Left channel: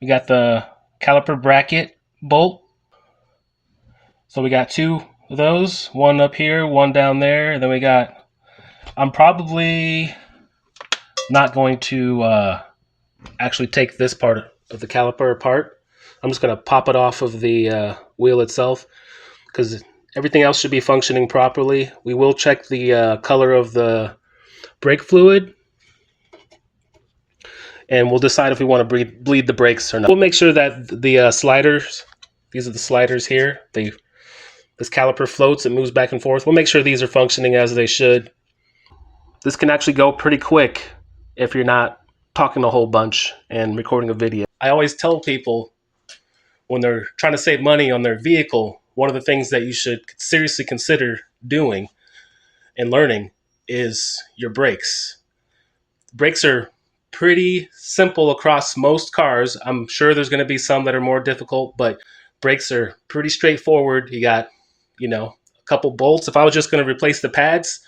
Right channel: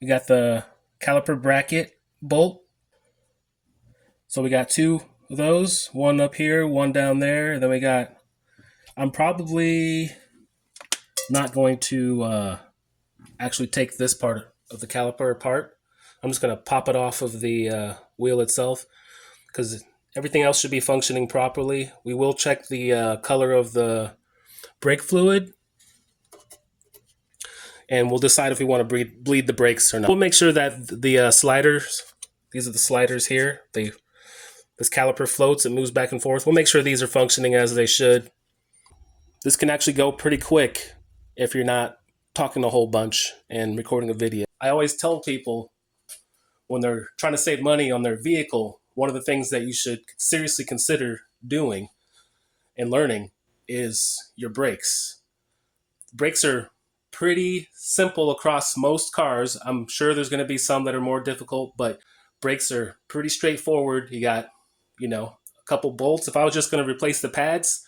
We got the caliper bracket bolt. So we got two of those, one up here, one down there, and then we got, I'm probably not going to actually take this part of the caliper apart. I'm just going to pop it off of the wheel itself because everything else should be functioning properly. We will check the color of the brake fluid, and we'll decide if we want to bleed the brakes or not. We'll make sure that the sliders, these are the sliders here, this caliper floats, it moves back and forth. We'll make sure these are functioning as they should. This can actually go pretty quick if you're not talking a whole bunch and recording a video. I always tell people when they're trying to save money on their vehicle, one of the things that you should seriously consider doing and learning is your brakes. Brakes are pretty simple across most cars. I'm sure there's going to be some that are more difficult, but brakes are pretty straightforward. You got, a couple bolts. If I was just going to replace the pads,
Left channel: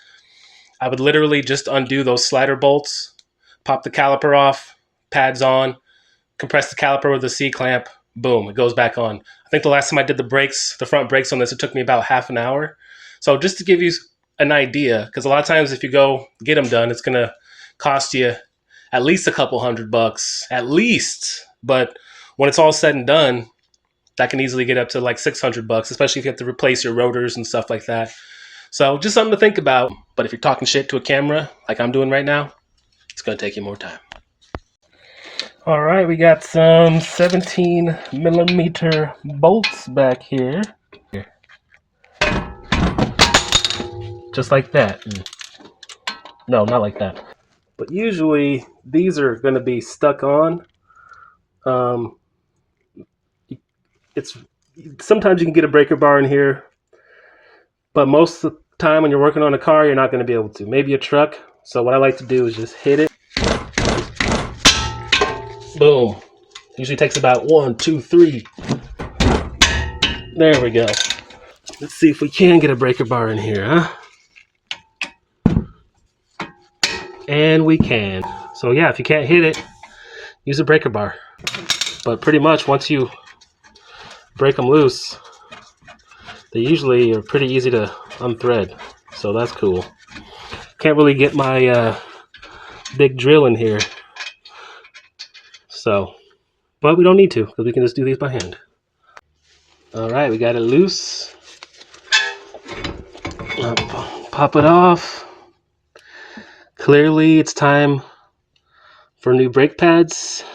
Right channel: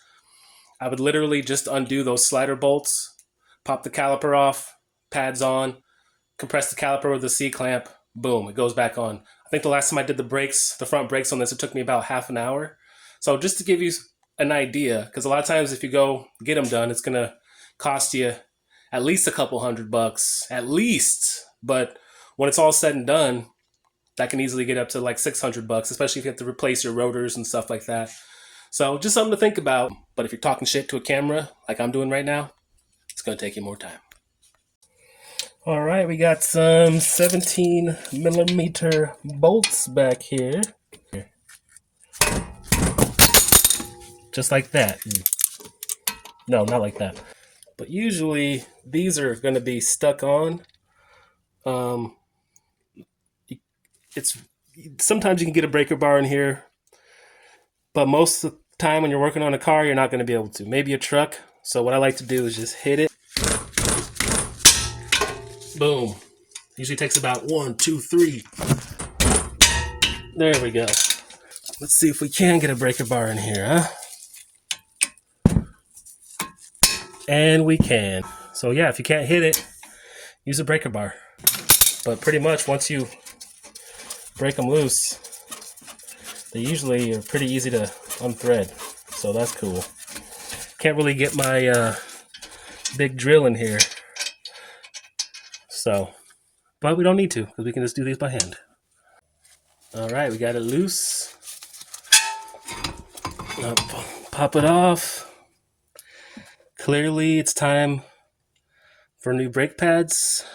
I would literally just undo those slider bolts, pop the caliper off, pads on, compress the caliper with a C-clamp, boom, it goes back on. I think the last time I did the front brakes on this, it took me about half an hour. So just to give you an idea, because a lot of times if you go get them done, it's going to cost you at least a couple $100, at least. But when it's all said and done, that can easily get up to like $600, especially if you have to replace your rotors and stuff like that. So just something to think about. But if you're talking shit to a camera, like I'm doing right now, it's going to take you more time. All right, we got some 17 millimeter bolts back here. Just like that. No, not like that. But usually these are going to be stuck on. Sometimes you can get a breaker bar in here, but most of the time when you're working on a car, you're not going to be able to. Maybe a truck. So what I like to do is just hit it. Boom. Usually takes about 1, 2, 3. There we go. Let's see if we can get a breaker bar in here, huh? And we can. So yeah, if you can't hit it, use a breaker bar. But pretty much once you break them loose, they usually are pretty easy to unthread. So that's cool. Can't really get my big drill in here. So, but we don't need to because we can just do these by hand. All right, we got it loose. Pop it off. Clearly it's time for new brake pads.